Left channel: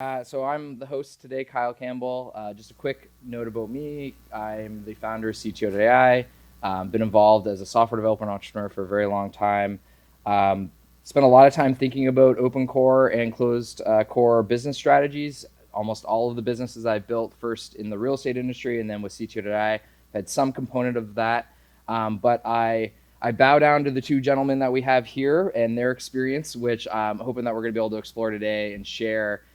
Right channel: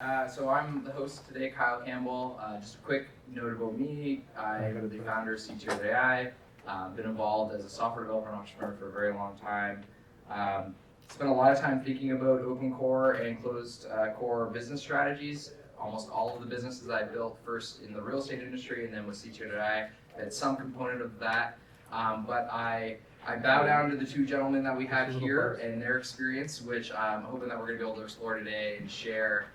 So I'm the host today, Kyle Campbell. Just a quick note about me. I am the founder of CTO.ai. Been involved as a software development entrepreneur for a very long time. Spent a lot of time thinking about open core and closed core business strategies. Almost all of the businesses I've built, first in the real estate industry and then with CTO.ai, had some component of that. But I bow down to the two gentlemen that we have here and their experience, which I'm hoping that we're going to be able to explore today and share.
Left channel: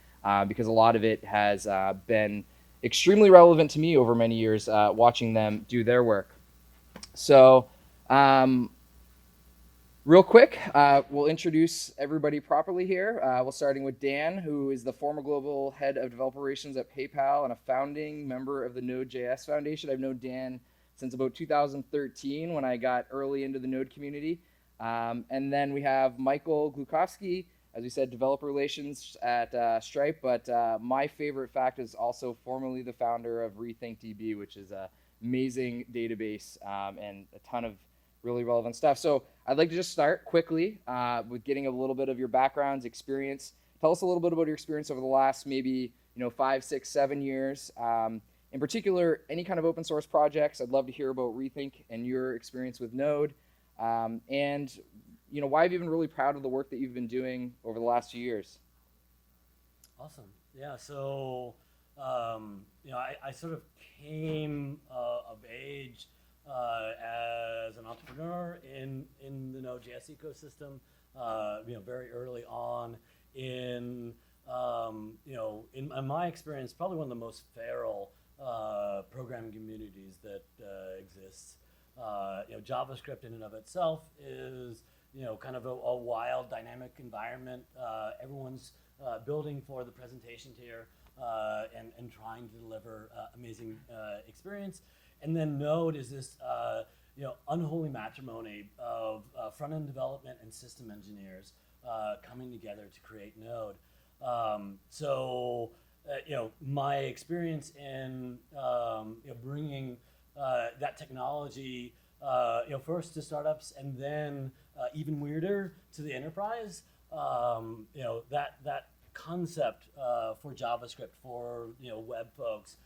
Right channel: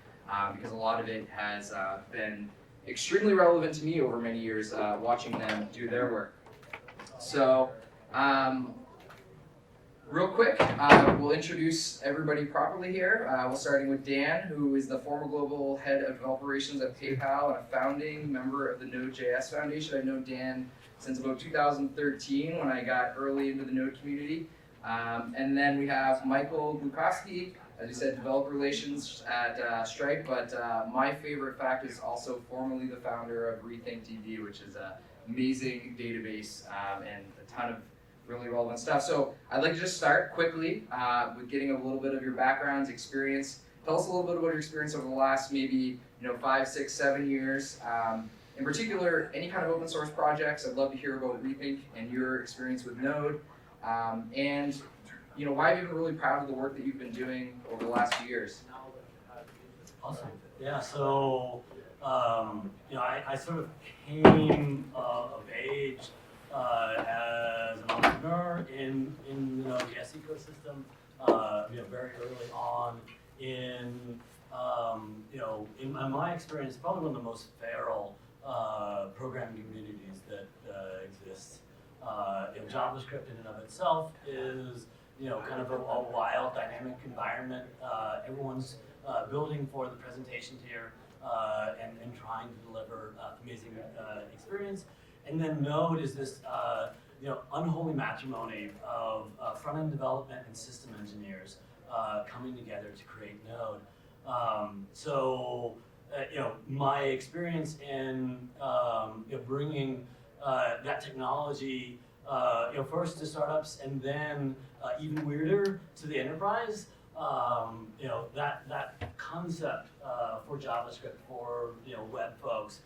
Because a lot of it has been extremely relevant to me over many years, watching them do their work. So, real quick, we'll introduce everybody properly here. We'll starting with Dan, who is the former global head of developer relations at PayPal and a founding member of the Node.js Foundation. I've known Dan since about 2013 when I got early into the Node community. And then we have Michael Glukhovsky, as we said, developer relations at Stripe, but my favorite fact is also formerly the founder of RethinkDB, which is an amazing database and a ton of really relevant stuff. So I'd like to just start quickly with getting a little bit of your background, experience. Tell us a little bit about your experience over the last maybe 5, 6, 7 years. In particular, any kind of open source projects. I'd love to hear about Rethink and your experience with Node. And why have you been really proud of the work that you've been doing over the last few years? Awesome. Yeah. So, I sort of came of age as an entrepreneur in the Node.js ecosystem. Very early on in my experience, probably one of the most feral programming communities that exists. JavaScript in and of itself is kind of a wild, dynamic environment. Everyone's building for the presentation tier and trying to deliver amazing experience. And then Node is this unholy matrimony of front-end development and system engineers coming together to create Node. My experience in bringing that technology first to startups and then even weirder to the enterprise. That concept for JavaScript for web folks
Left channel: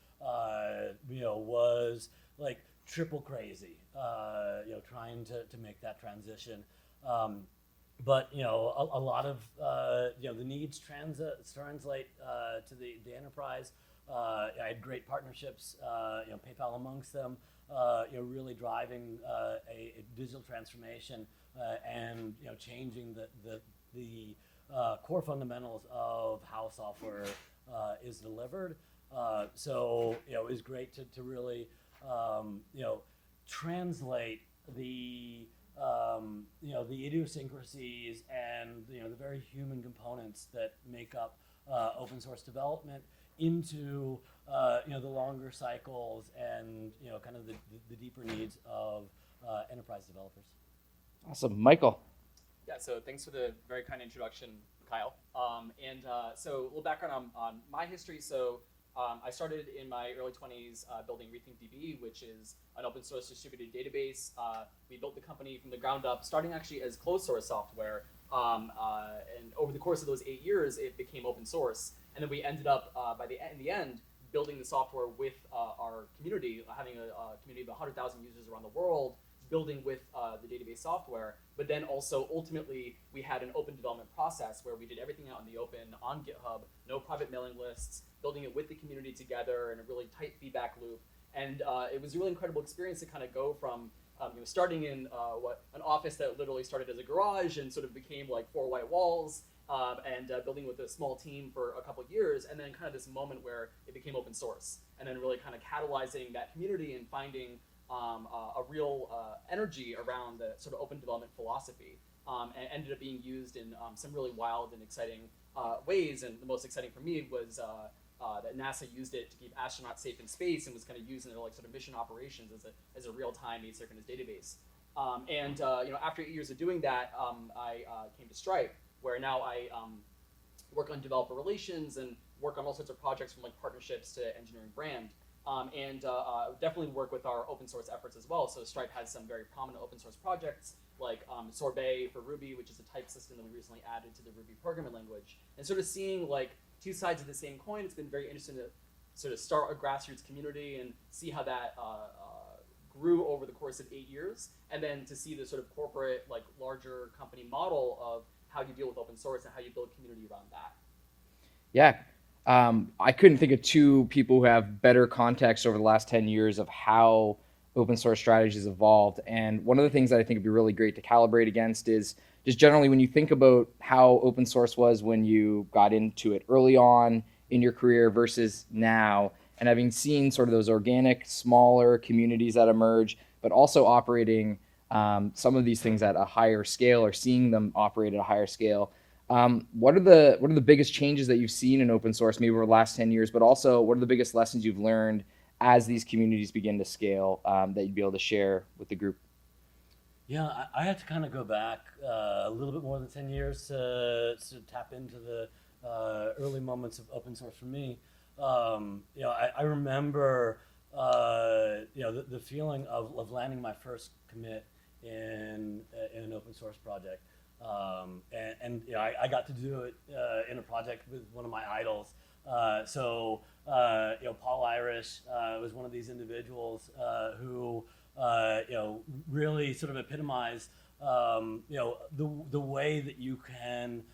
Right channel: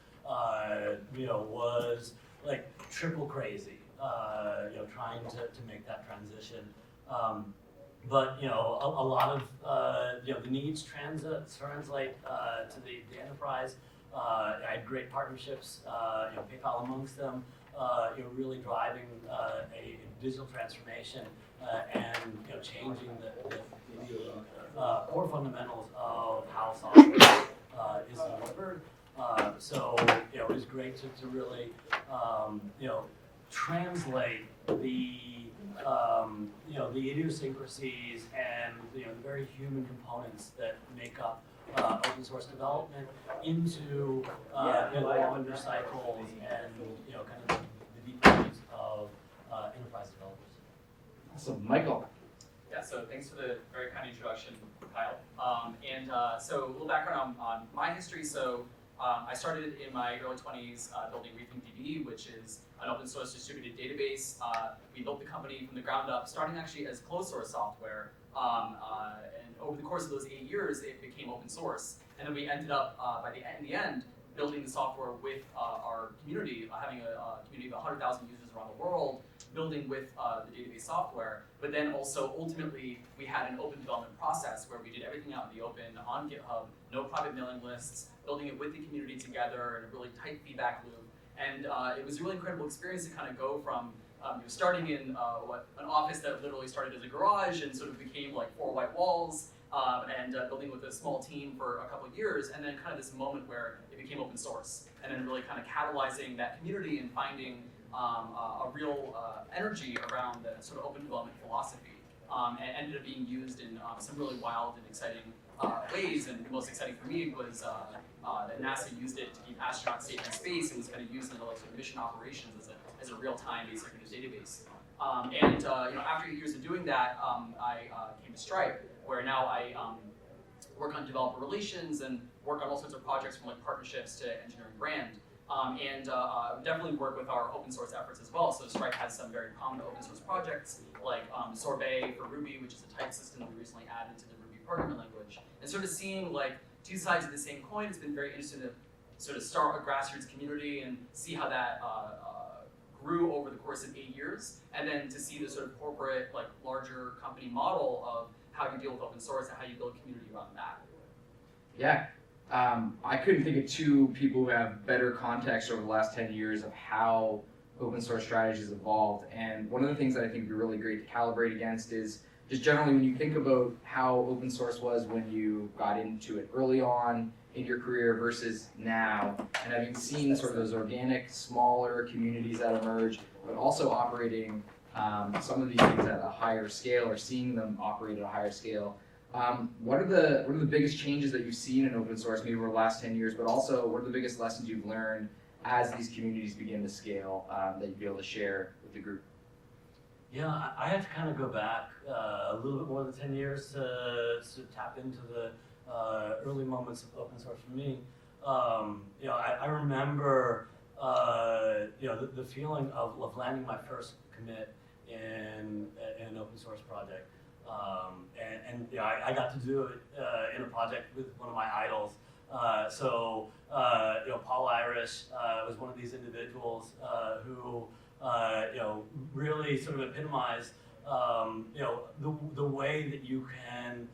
was like triple crazy. Trying to make that transition. But a lot of the needs translate to the enterprise. I had great partnerships, PayPal amongst them. Really driving a digital transformation and changing the core fundamentals of how software is delivered. It was great to really translate the idiosyncrasies and very human components that make up open source development into the longer cycles and kind of the deeper needs of enterprise developers. Awesome, Michael. Yeah, so thanks for the very kind introduction, Kyle. So a little background on my history. So I started in my early 20s building RethinkDB, which is an open source distributed database. We built the company from the ground up, starting actually as closed source software. And over the course of those 8 years, it became open source. And then we ended up, by the end, building the software with our community, having a community of 100,000 users around the world, building with the database software. But then also, ultimately, we had an open development process where we did everything out in the open, on GitHub, no private mailing lists, building it with the community together, and really tight feedback loop. And it was a really incredible experience to kind of go from starting in an office that literally started as a garage and sort of became like 4 white walls, and building with a small team for a couple of years, and then kind of this moment where it became open source, and then really kind of catalyzing that community and finding a real energy around the sort of open development philosophy, and ended up being used in some really wild and exciting ways. And the most exciting for me was that NASA used it to keep astronauts safe in space, and was kind of used in mission operations as a real-time basic news database. After 8 years of doing that, I came to Stripe, where now I work on developer relations and work on all sorts of projects from like partnerships to engineering brand. Definitely work with our open source efforts as well. So Stripe has some very common open source projects like Sorbet for Ruby, which is a type system we recently added to the Ruby programming language. And sort of seeing like two sides of the same coin. It's been very interesting to sort of start with grassroots community and see how that grew over the course of 8 years, and then to see the sort of corporate, like larger company model of how you deal with open source and how you build community around that. Yeah. I couldn't think of two people who have better context over the last 10 years of how open source strategies evolved. And one of the things that I think would be really great to calibrate against is just generally when you think about how open source was when you got into it early on in your career versus now, and having seen sort of those organic, smaller communities that emerged, but also operating some of these things at a higher scale, or seeing them operate at a higher scale. What are the biggest changes that you've seen in open source, maybe over the last 10 years, but also what are the biggest lessons you've learned as these communities begin to scale that you'd be able to share with the group? Yeah, I had to kind of go back a little bit more than 10 years to tap into the early moments of open source for me. I remember the feeling of landing my first commit in an open source project. I got to do it in a project with one of my idols. Paul Irish was one of these individuals who really sort of epitomized the way that you can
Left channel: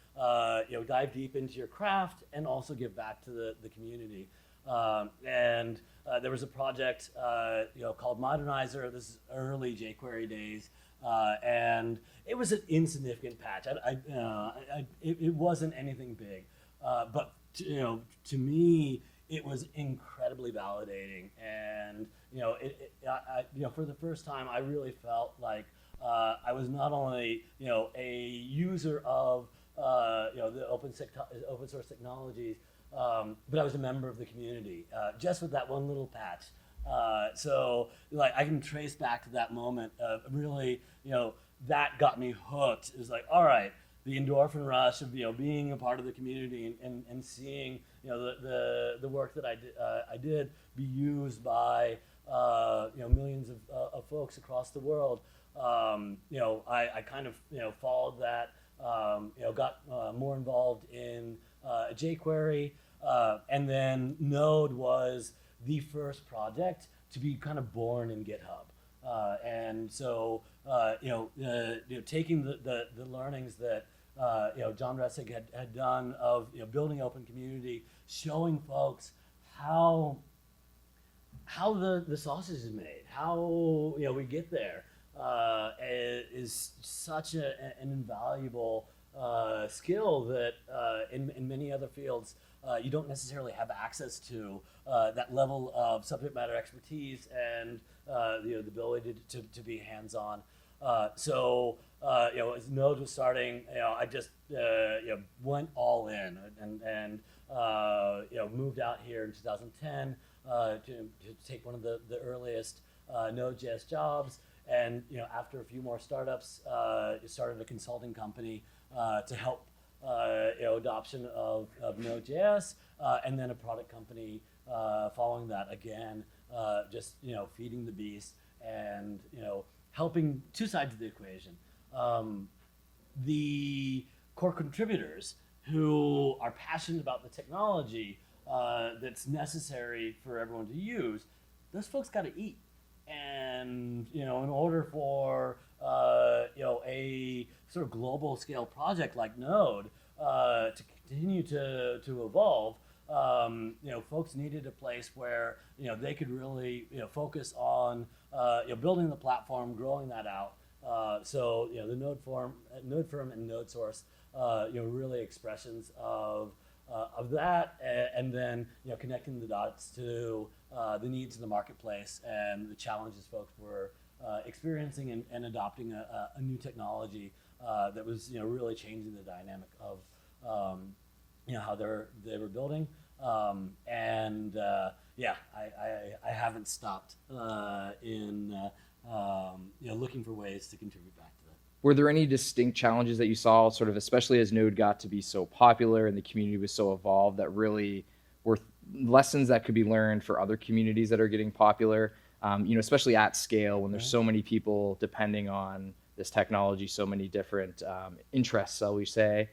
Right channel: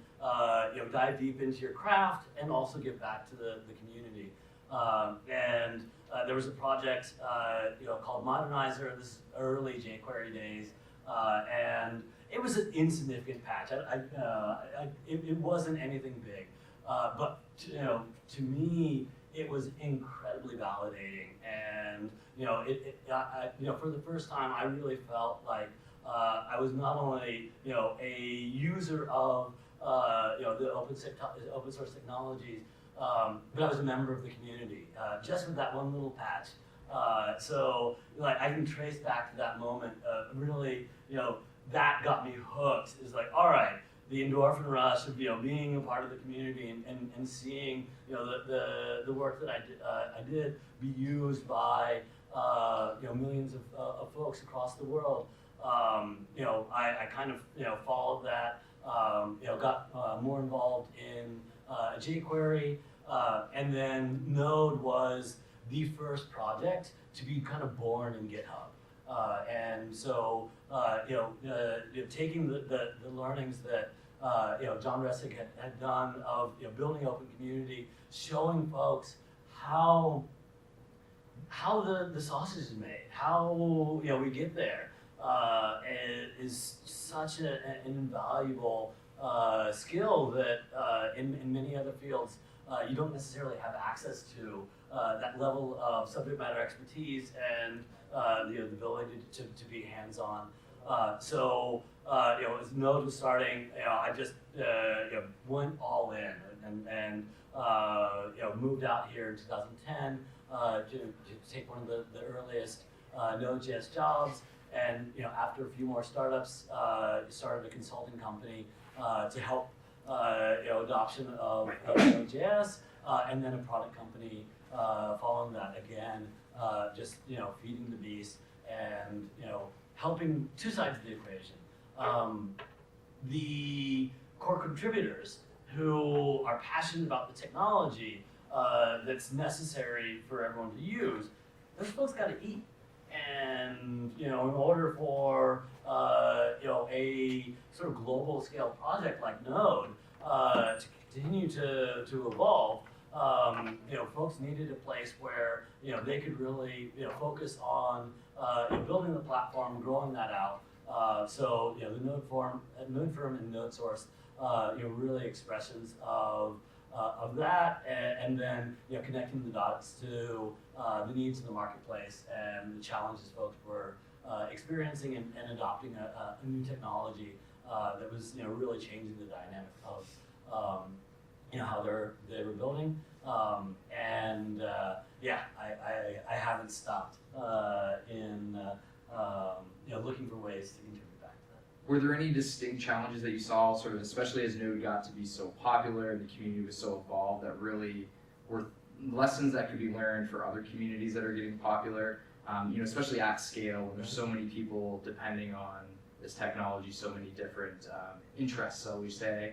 dive deep into your craft and also give back to the community. There was a project called Modernizer. This is early jQuery days, and it was an insignificant patch. It wasn't anything big, but to me, it was incredibly validating. And for the first time, I really felt like I was not only a user of the open source technologies, but I was a member of the community, just with that one little patch. I can trace back to that moment of really, that got me hooked. It was like, all right, the endorphin rush of being a part of the community and seeing the work that I did be used by millions of folks across the world. I kind of followed that. Got more involved in jQuery, and then Node was the first project to be kind of born in GitHub. Taking the learnings that John Ressick had done of building an open community, showing folks how the sausage is made, how we get there, is such an invaluable skill that in many other fields you don't necessarily have access to that level of subject matter expertise and the ability to be hands-on. As Node was starting, I just went all in and moved out here in 2010 to take one of the earliest Node.js jobs. And after a few more startups, started a consulting company to help adoption of Node.js, and then a product company following that again, just feeding the beast and helping two sides of the equation. The core contributors who are passionate about the technology that's necessary for everyone to use, those folks got to eat. And in order for a sort of global scale project like Node to continue to evolve, folks needed a place where they could really focus on building the platform, growing that out. The Node Firm and Node Source, really expressions of that, and then connecting the dots to the needs of the marketplace and the challenges folks were experiencing and adopting a new technology that was really changing the dynamic of how they were building. I haven't stopped in looking for ways to contribute back to that. Were there any distinct challenges that you saw, sort of especially as Node got to be so popular and the community was so evolved, that really were lessons that could be learned for other communities that are getting popular, especially at scale when there's so many people depending on this technology, so many different interests, shall we say?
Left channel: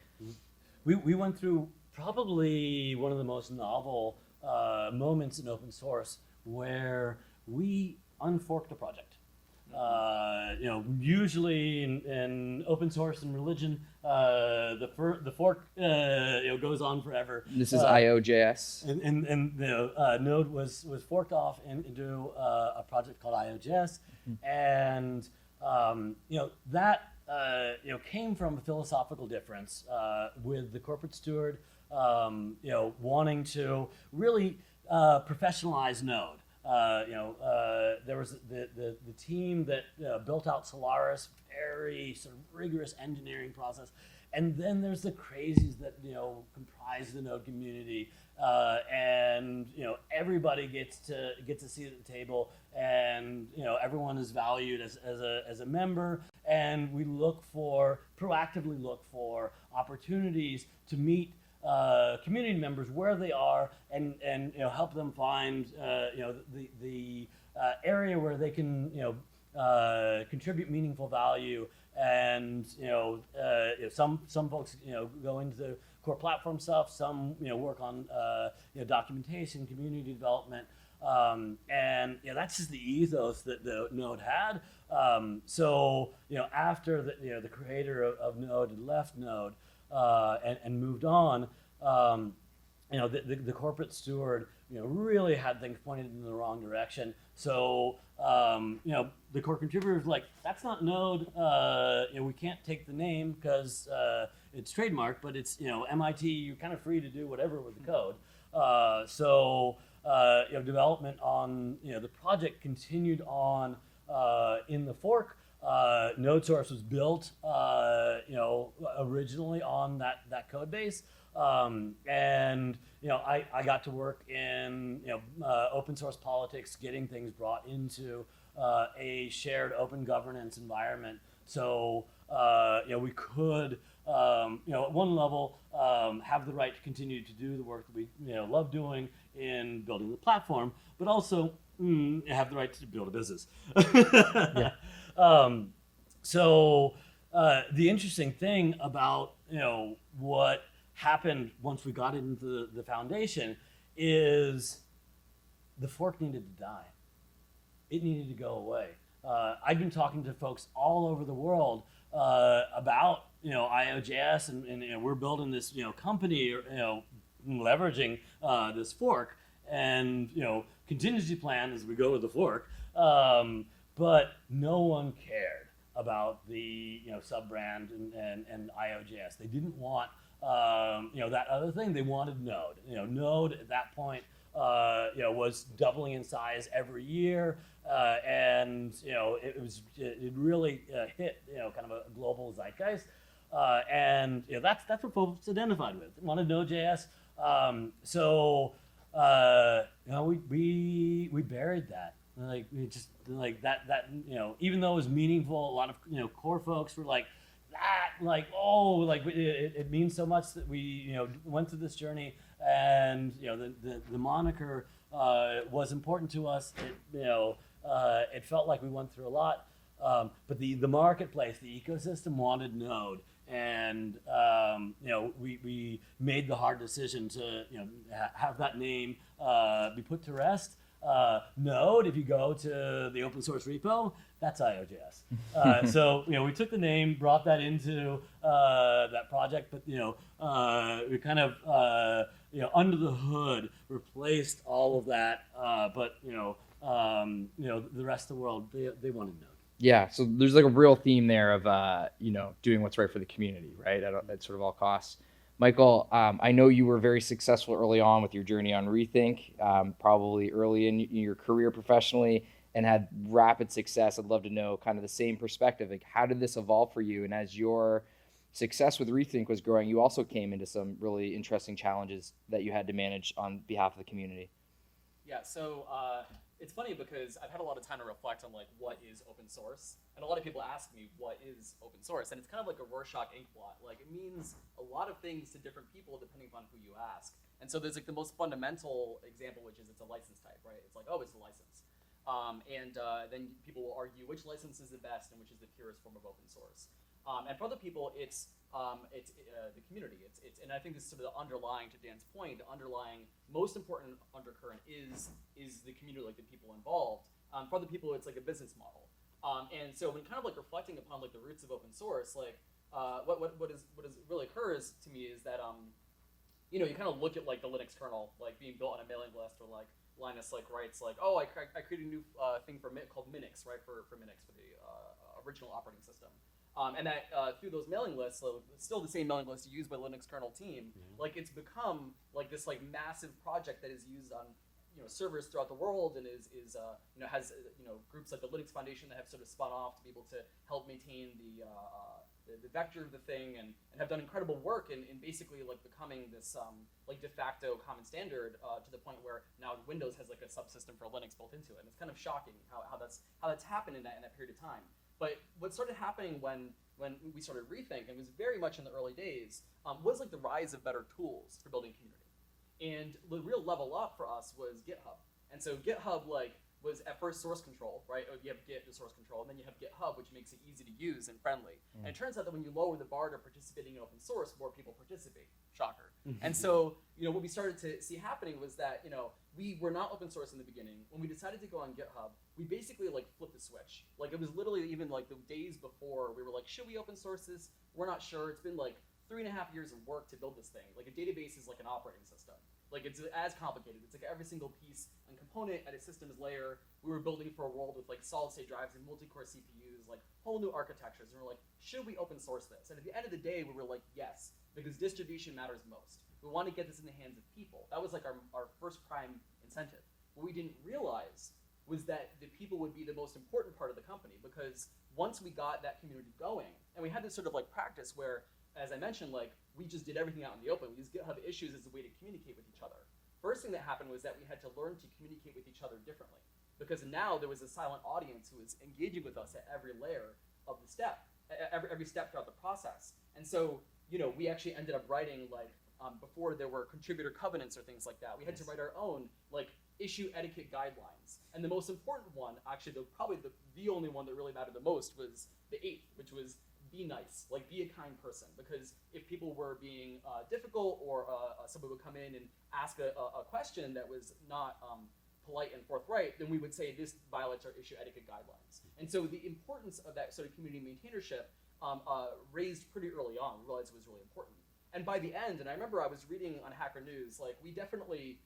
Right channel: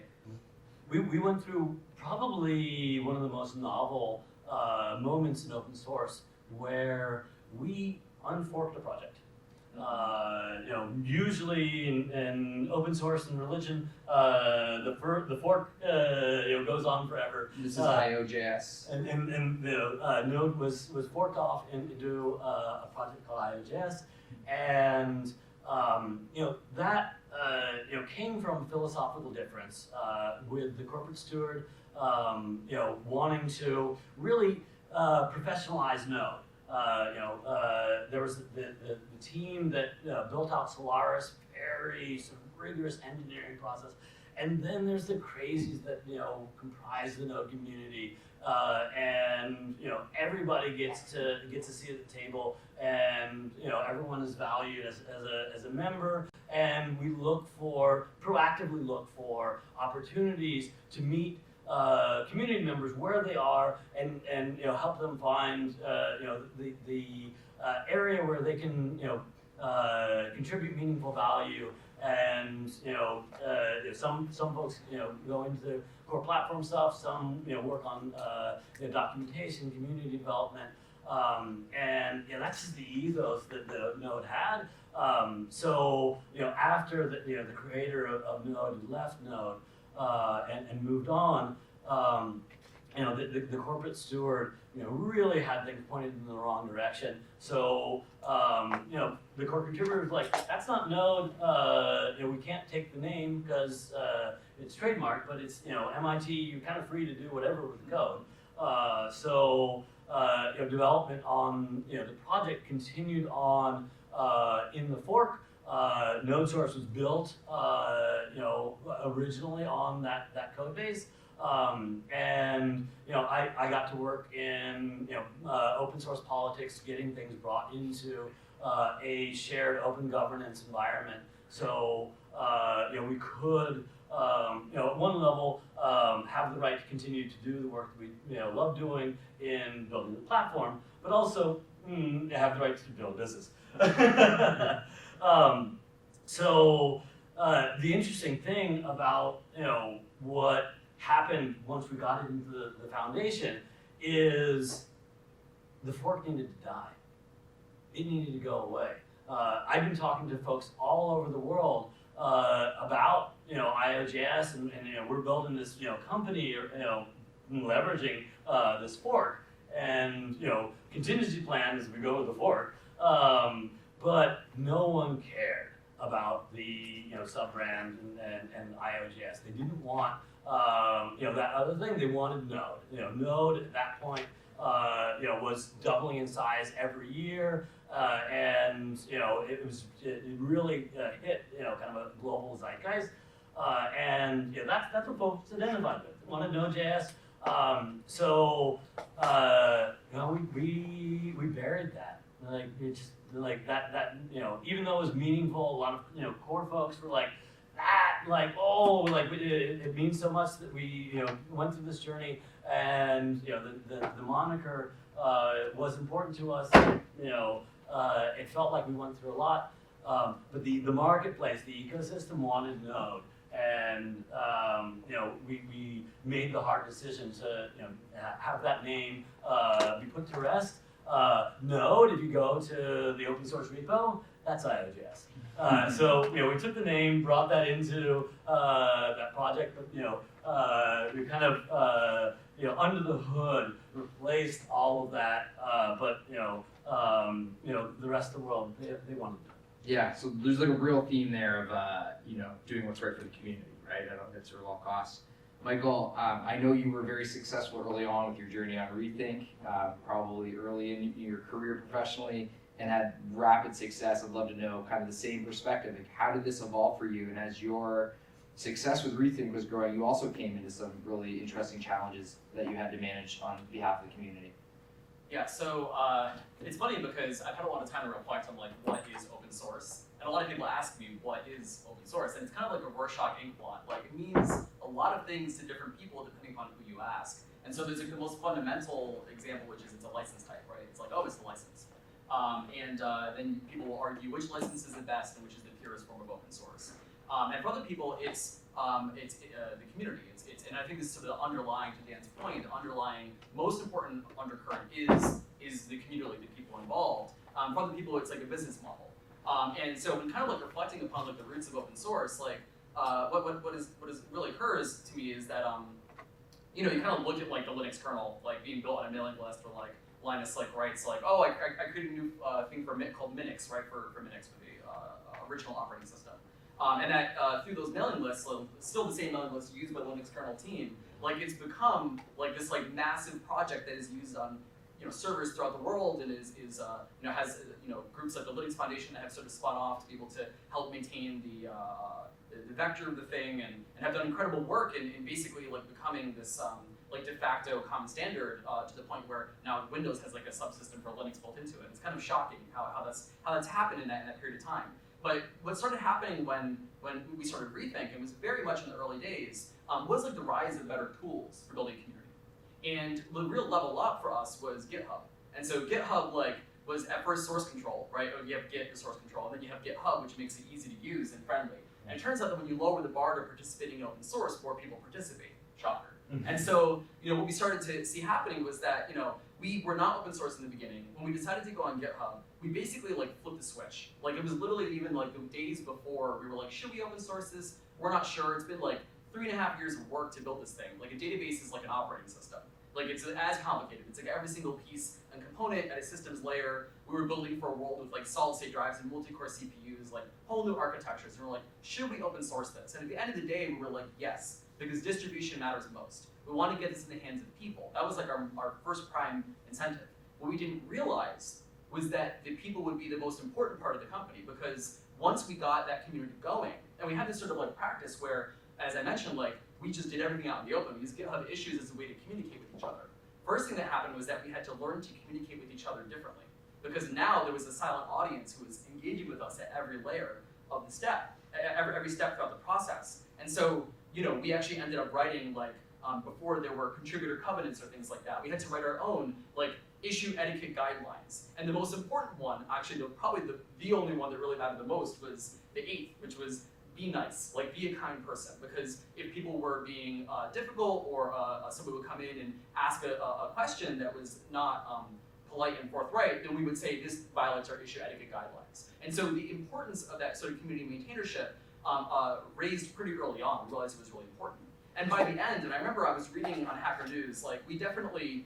we went through probably one of the most novel moments in open source where we unforked a project. Usually in open source and religion, the fork goes on forever. This is IO.js. And Node was forked off into a project called IO.js, and that came from a philosophical difference with the corporate steward, wanting to really professionalize Node. There was the team that built out Solaris, very sort of rigorous engineering process, and then there's the crazies that comprise the Node community, and everybody gets to sit at the table, and everyone is valued as a member, and we proactively look for opportunities to meet community members where they are, and help them find the area where they can contribute meaningful value. And some folks go into core platform stuff, some work on documentation, community development, and that's just the ethos that the Node had. So after the creator of Node left Node and moved on, the corporate steward really had things pointed in the wrong direction. So the core contributor was like, that's not Node. We can't take the name because it's trademarked, but it's MIT. You're kind of free to do whatever with the code. So development on the project continued on in the fork. Node source was built originally on that code base. And I got to work in open source politics, getting things brought into a shared open governance environment. So we could at one level have the right to continue to do the work we love doing in building the platform, but also have the right to build a business. So the interesting thing about what happened once we got into the foundation is the fork needed to die. It needed to go away. I've been talking to folks all over the world about IO.js, and we're building this company leveraging this fork, and contingency plan as we go with the fork. But no one cared about the sub-brand and IO.js. They didn't want that other thing. They wanted Node. Node at that point was doubling in size every year, and it really hit kind of a global zeitgeist, and that's what folks identified with. Wanted Node.js, so we buried that. Even though it was meaningful, a lot of core folks were like, it means so much that we went through this journey, and the moniker was important to us. It felt like we went through a lot, but the marketplace, the ecosystem wanted Node, and we made the hard decision to have that name be put to rest. Node, if you go to the open source repo, that's IO.js. So we took the name, brought that into that project, but we kind of under the hood replaced all of that. But the rest of the world, they wanted to know. Yeah, so there's like a real theme there of doing what's right for the community, right? At sort of all costs. Michael, I know you were very successful early on with your journey on Rethink, probably early in your career professionally, and had rapid success. I'd love to know kind of the same perspective. Like, how did this evolve for you? And as your success with Rethink was growing, you also came into some really interesting challenges that you had to manage on behalf of the community. Yeah, so it's funny because I've had a lot of time to reflect on what is open source, and a lot of people ask me what is open source, and it's kind of like a Rorschach inkblot. It means a lot of things to different people depending on who you ask. And so there's the most fundamental example, which is the license type, right? It's like, oh, it's a license. Then people will argue which license is the best and which is the purest form of open source. And for other people, it's the community. It's and I think this is the underlying, to Dan's point, the underlying most important undercurrent is the community, the people involved. For other people, it's like a business model. And so when kind of like reflecting upon like the roots of open source, like what is really occurs to me is that you kind of look at like the Linux kernel like being built on a mailing list, or like Linus like writes like, oh, I created a new thing for called Minix, right, for Minix, for the original operating system. And that through those mailing lists, so it's still the same mailing list used by the Linux kernel team, like it's become like this like massive project that is used on servers throughout the world, and has groups like the Linux Foundation that have sort of spun off to be able to help maintain the vector of the thing, and have done incredible work in basically like becoming this like de facto common standard to the point where now Windows has like a subsystem for Linux built into it. It's kind of shocking how that's happened in that period of time. But what started happening when we started rethinking, it was very much in the early days, was like the rise of better tools for building community. And the real level up for us was GitHub. And so GitHub like was at first source control, right? You have Git for source control, and then you have GitHub, which makes it easy to use and friendly. And it turns out that when you lower the bar to participating in open source, more people participate. Shocker. And so, what we started to see happening was that, we were not open source in the beginning. When we decided to go on GitHub, we basically like flipped the switch. Like it was literally even like the days before we were like, should we open source this? We're not sure. It's been like 3.5 years of work to build this thing. Like a database is like an operating system. Like it's as complicated. It's like every single piece and component at a systems layer. We were building for a world with like solid state drives and multi-core CPUs, like whole new architectures. And we're like, should we open source this? And at the end of the day, we were like, yes, because distribution matters most. We want to get this in the hands of people. That was like our first prime incentive. What we didn't realize was that the people would be the most important part of the company, because once we got that community going, and we had this sort of like practice where, as I mentioned, like we just did everything out in the open. These GitHub issues as a way to communicate with each other. First thing that happened was that we had to learn to communicate with each other differently, because now there was a silent audience who was engaging with us at every layer of the step, every step throughout the process. And so, we actually ended up writing like, before there were contributor covenants or things like that, we had to write our own like issue etiquette guidelines. And the most important one, actually probably the only one that really mattered the most, was the 8th, which was be nice, like be a kind person. Because if people were being difficult, or somebody would come in and ask a question that was not polite and forthright, then we would say this violates our issue etiquette guidelines. And so the importance of that sort of community maintainership raised pretty early on, realized it was really important. And by the end, and I remember I was reading on Hacker News, like we definitely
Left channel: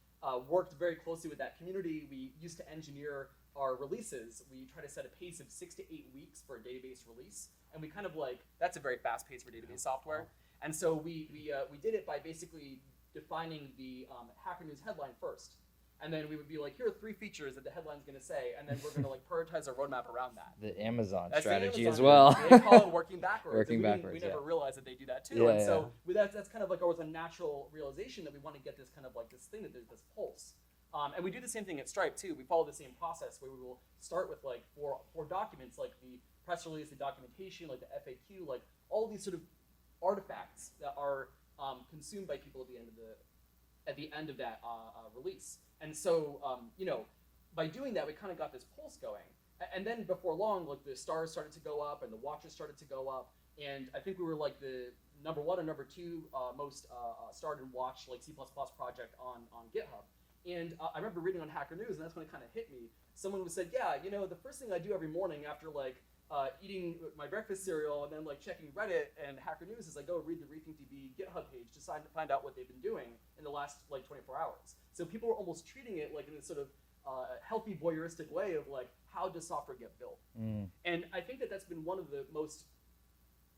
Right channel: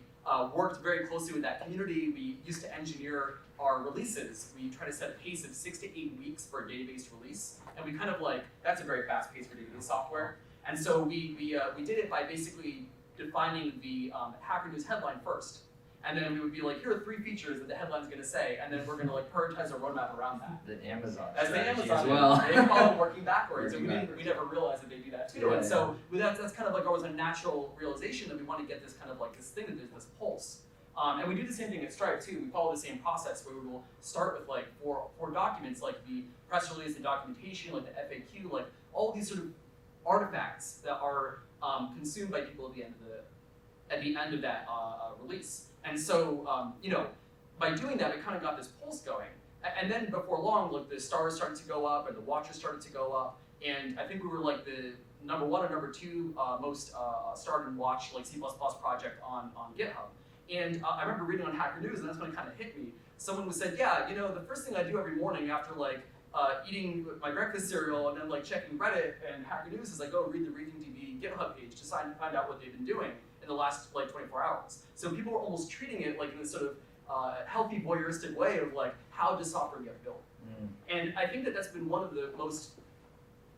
worked very closely with that community. We used to engineer our releases. We try to set a pace of 6 to 8 weeks for a database release, and we kind of like, that's a very fast pace for database software. And so we did it by basically defining the Hacker News headline first. And then we would be like, here are 3 features that the headline's going to say, and then we're going to like prioritize our roadmap around that. The Amazon As strategy Amazon, as well. They call it working backwards. Working backwards. We never realized that they do that too. Yeah, and so that's kind of like always a natural realization that we want to get this kind of like this thing, this pulse. And we do the same thing at Stripe too. We follow the same process where we will start with like four documents, like the press release, the documentation, like the FAQ, like all these sort of artifacts that are consumed by people at the end of that release. And so, by doing that, we kind of got this pulse going. And then before long, like the stars started to go up, and the watches started to go up. And I think we were like the number 1 or number 2 most starred and watched like C++ project on GitHub. And I remember reading on Hacker News, and that's when it kind of hit me. Someone said, yeah, the first thing I do every morning after like eating my breakfast cereal and then like checking Reddit and Hacker News is I go read the RethinkDB GitHub page to find out what they've been doing in the last like 24 hours. So people are almost treating it like in this sort of healthy voyeuristic way of like, how does software get built? And I think that that's been one of the most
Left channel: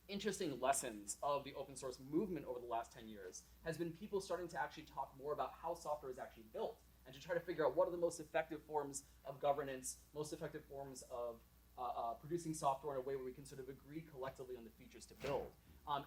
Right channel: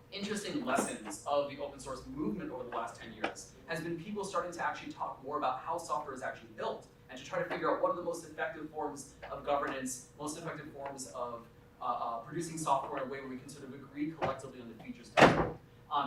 interesting lessons of the open source movement over the last 10 years, has been people starting to actually talk more about how software is actually built, and to try to figure out what are the most effective forms of governance, most effective forms of producing software in a way where we can sort of agree collectively on the features of it.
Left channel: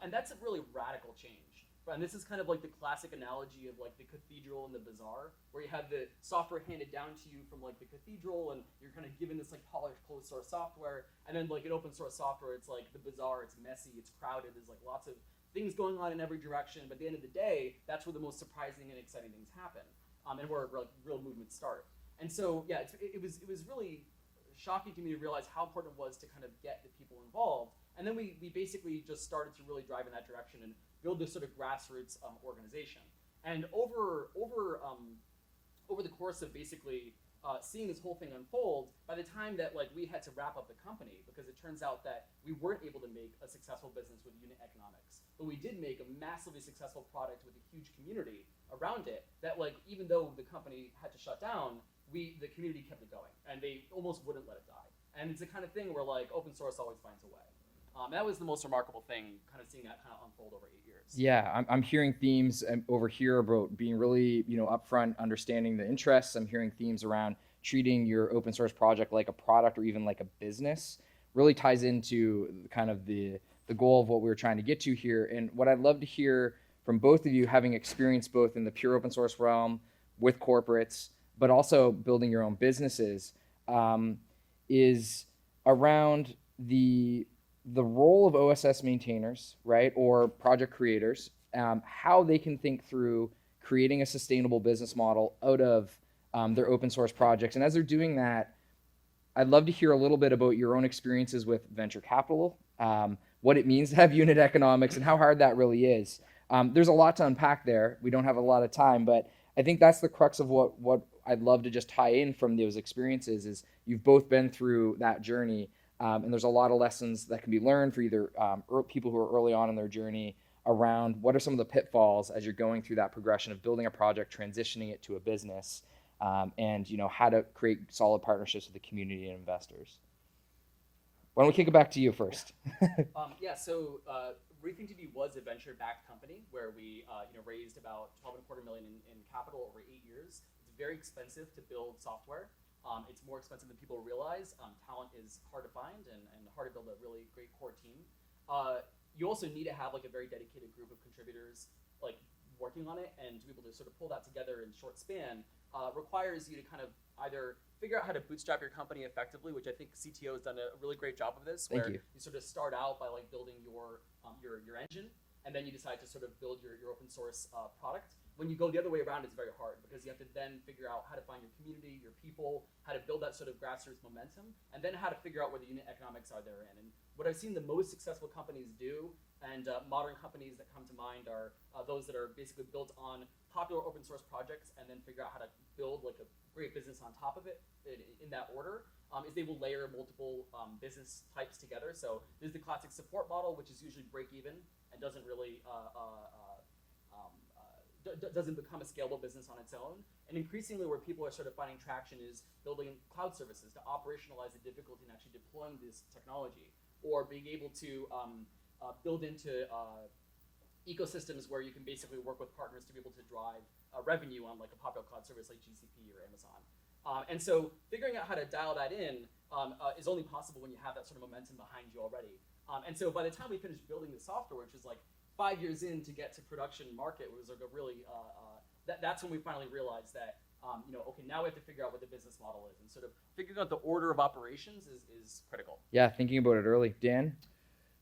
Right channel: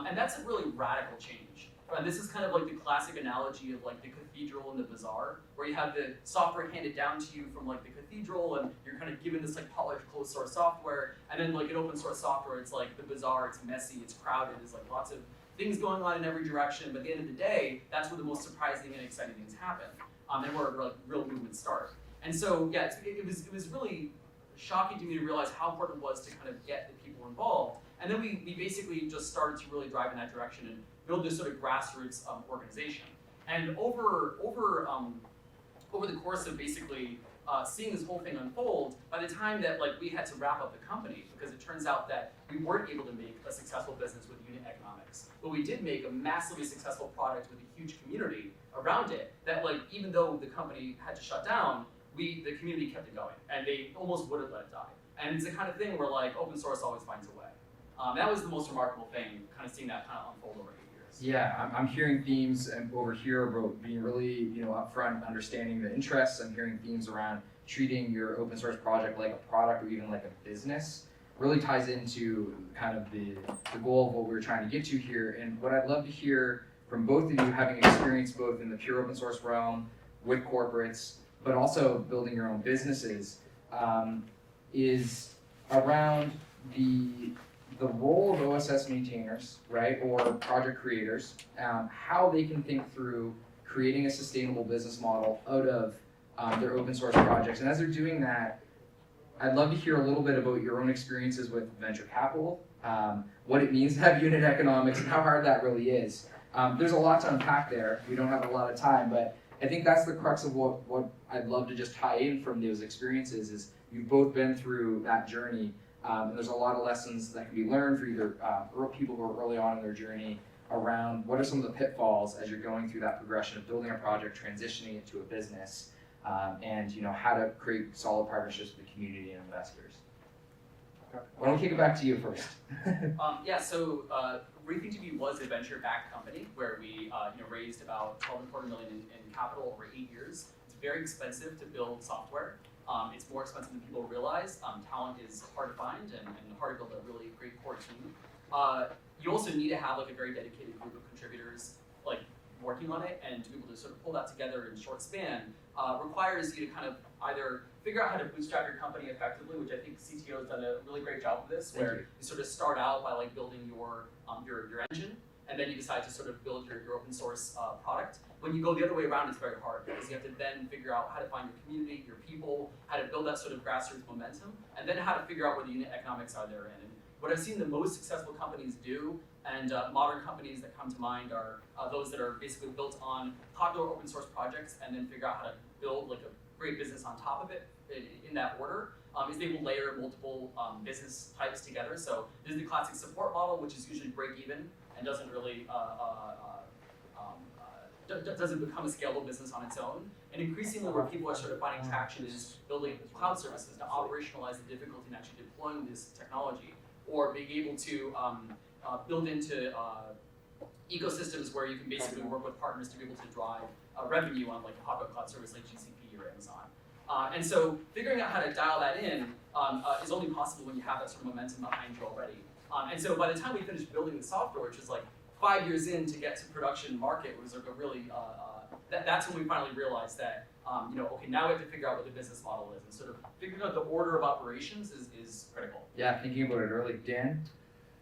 And that's a really radical change. And this is kind of like the classic analogy of like the cathedral and the bazaar, where you have the software handed down to you from like the cathedral, and you're kind of given this like polished closed source software, and then like in open source software, it's like the bazaar, it's messy, it's crowded, there's like lots of things going on in every direction, but at the end of the day, that's where the most surprising and exciting things happen. And where like real movements start. And so yeah, it was really shocking to me to realize how important it was to kind of get the people involved. And then we basically just started to really drive in that direction and build this sort of grassroots organization. And over the course of basically seeing this whole thing unfold, by the time that we had to wrap up the company, because it turns out that we weren't able to make a successful business with unit economics, but we did make a massively successful product with a huge community around it. That even though the company had to shut down, the community kept it going, and they almost wouldn't let it die. And it's the kind of thing where open source always finds a way. That was the most remarkable thing, kind of seeing that kind of unfold over the years. Yeah, I'm hearing themes over here about being really, upfront, understanding the interests. I'm hearing themes around treating your open source project like a product or even like a business. Really ties into kind of the goal of what we're trying to get to here. And what I'd love to hear from both of you, having experience both in the pure open source realm with corporates, but also building your own businesses, is around the role of OSS maintainers, right, or project creators, how they can think through creating a sustainable business model out of their open source projects. And as they're doing that, I'd love to hear a little bit about your own experiences with venture capital, what it means to have unit economics, and how hard that really is. There's a lot to unpack there. We don't have a lot of time, but I think that's the crux of what I'd love to just tie in from those experiences is you've both been through that journey, and there's a lot of lessons that can be learned for either people who are early on in their journey around what are some of the pitfalls as you're going through that progression of building a project, transitioning it to a business, and how to create solid partnerships with the community and investors. Why don't we kick it back to you first? So BriefingDB was a venture-backed company where we raised about $12.25 million in capital over 8 years. It's very expensive to build software. It's more expensive than people realize. Talent is hard to find and hard to build a really great core team. You also need to have a very dedicated group of contributors working on it, and to be able to sort of pull that together in a short span requires you to kind of either figure out how to bootstrap your company effectively, which I think CTO has done a really great job of this, where you sort of start out by building your engine, and then you decide to sort of build your open source product. When you go the other way around, it's very hard because you have to then figure out how to find your community, your people, how to build that sort of grassroots momentum, and then how to figure out what the unit economics are therein. And what I've seen the most successful companies do, and modern companies that come to mind are those that are basically built on popular open source projects and then figure out how to build a great business on top of it in that order. Is able to layer multiple business types together. So there's the classic support model, which is usually break even and doesn't really doesn't become a scalable business on its own. And increasingly, where people are sort of finding traction is building cloud services to operationalize the difficulty in actually deploying this technology, or being able to build into ecosystems where you can basically work with partners to be able to drive revenue on popular cloud services like GCP or Amazon. And so figuring out how to dial that in is only possible when you have that sort of momentum behind you already. And so by the time we finished building the software, which was 5 years in to get to production market, was a really that's when we finally realized that okay, now we have to figure out what the business model is, and sort of figuring out the order of operations is critical. Yeah, thinking about it early. Dan?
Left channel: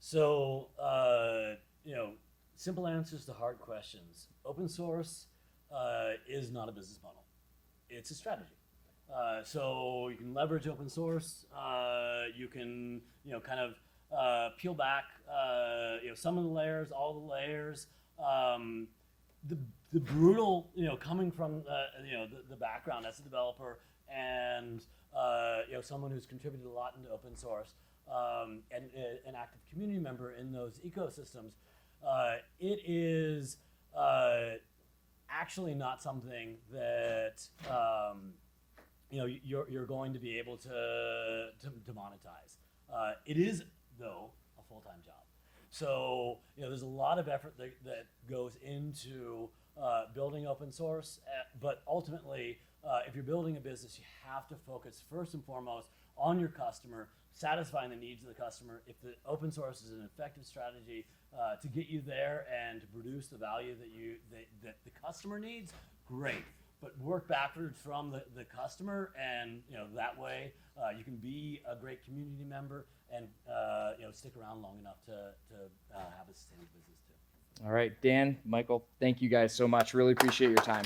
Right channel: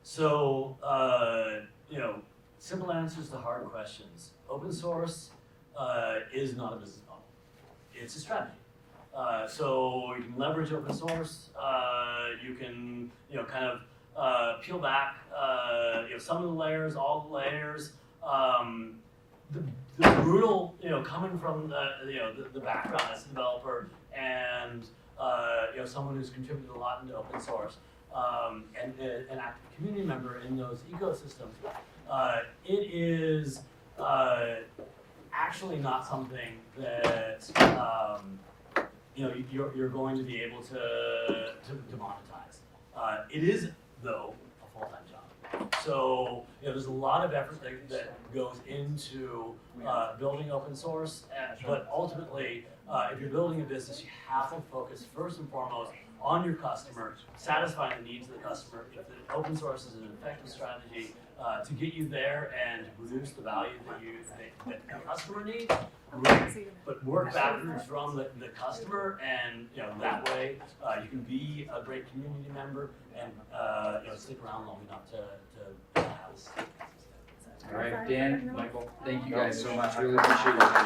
So simple answers to hard questions. Open source is not a business model. It's a strategy. So you can leverage open source. You can kind of peel back some of the layers, all the layers. The brutal coming from the background as a developer and someone who's contributed a lot into open source and an active community member in those ecosystems. It is actually not something that you're going to be able to monetize. It is, though, a full-time job. So there's a lot of effort that goes into building open source, but ultimately, if you're building a business, you have to focus first and foremost on your customer, satisfying the needs of the customer. If the open source is an effective strategy to get you there and reduce the value that your customer needs, great. But work backwards from the customer, and that way you can be a great community member and stick around long enough to have. All right, Dan, Michael, thank you guys so much. Really appreciate your time.